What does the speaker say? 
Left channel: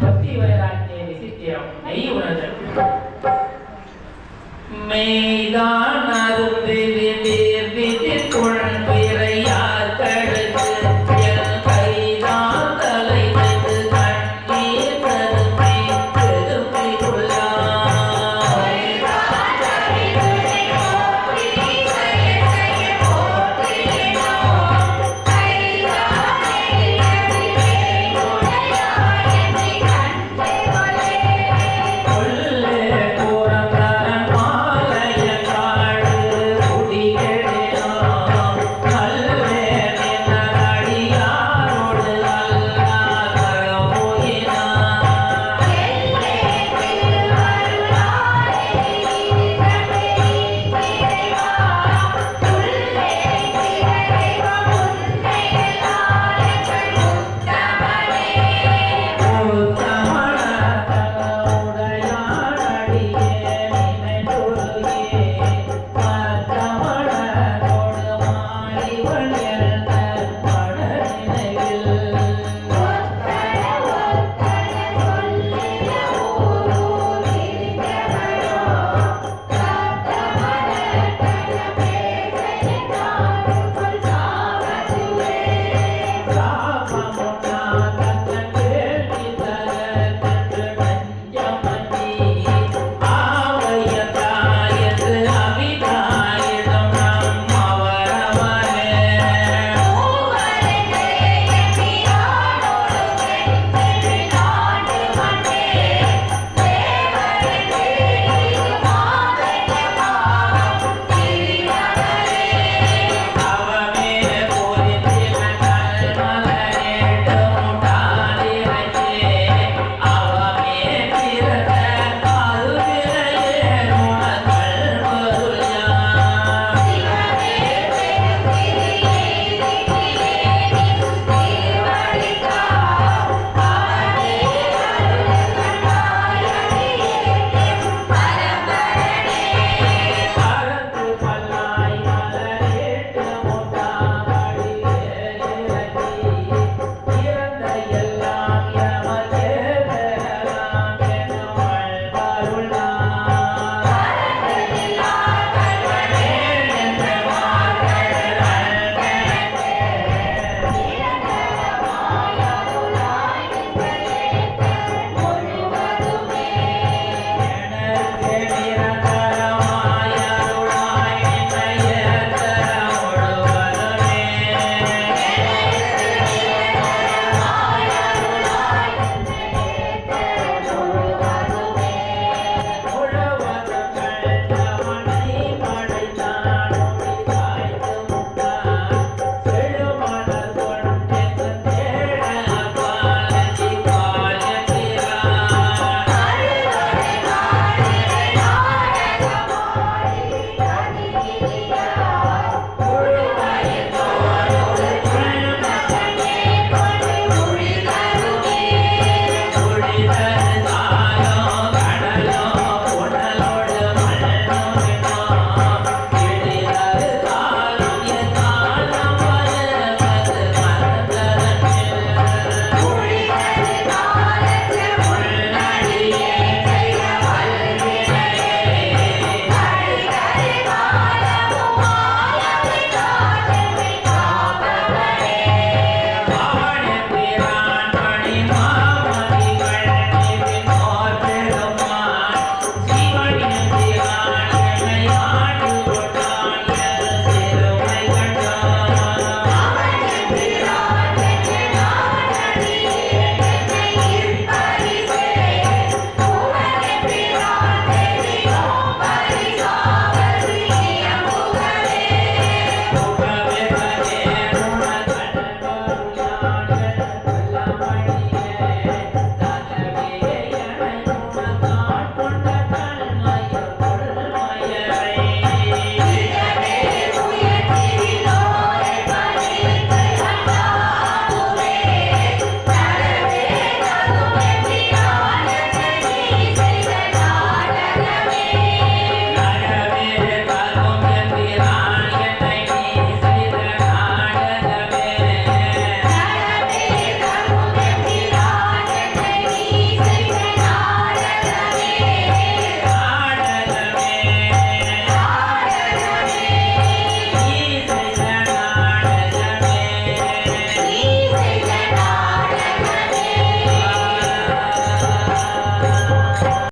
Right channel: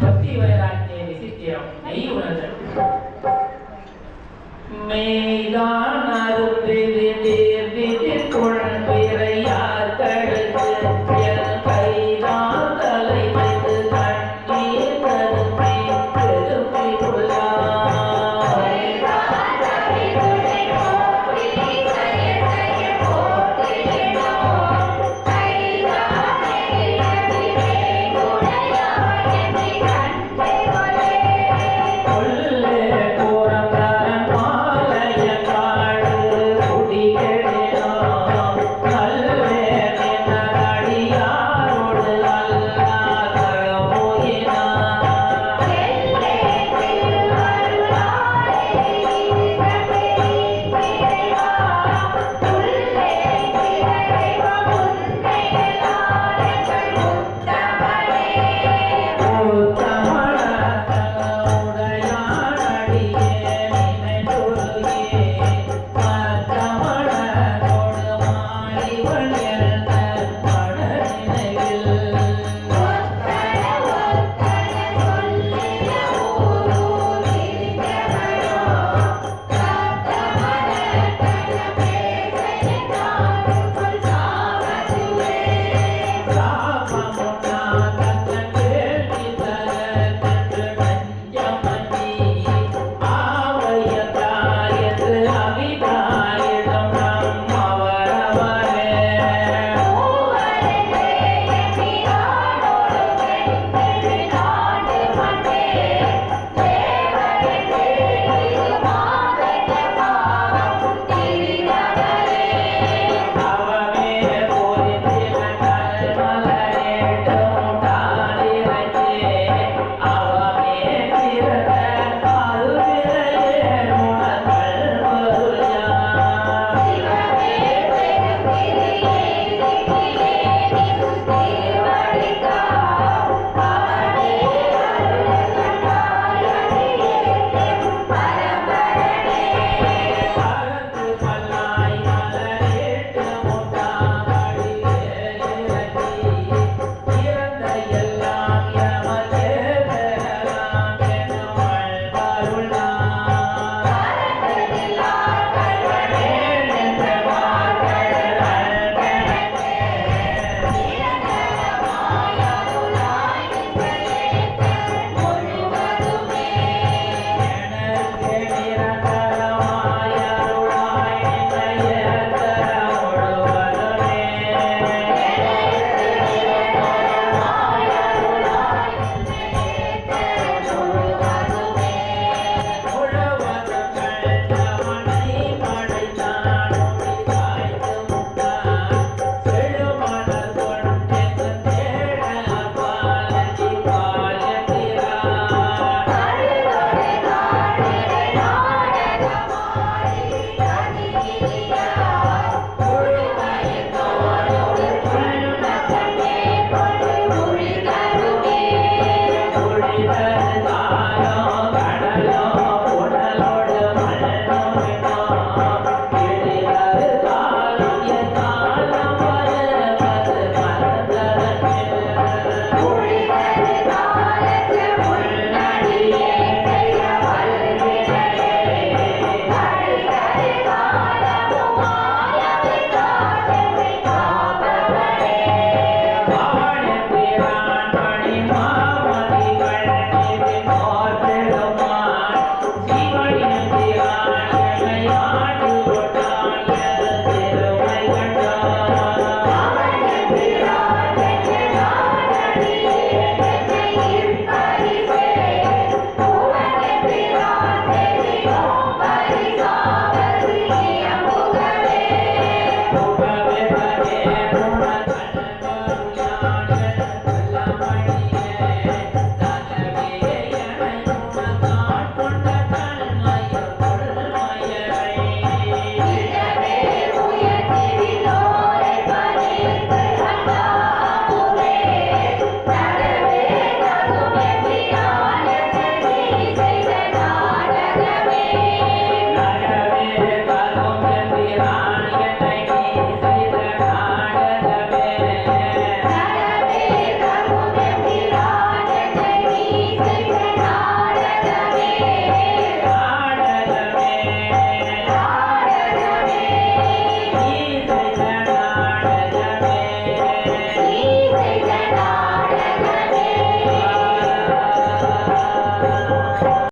பக்தி வயராஜே சித்தியம் நெய் உணர்தல் மேதான்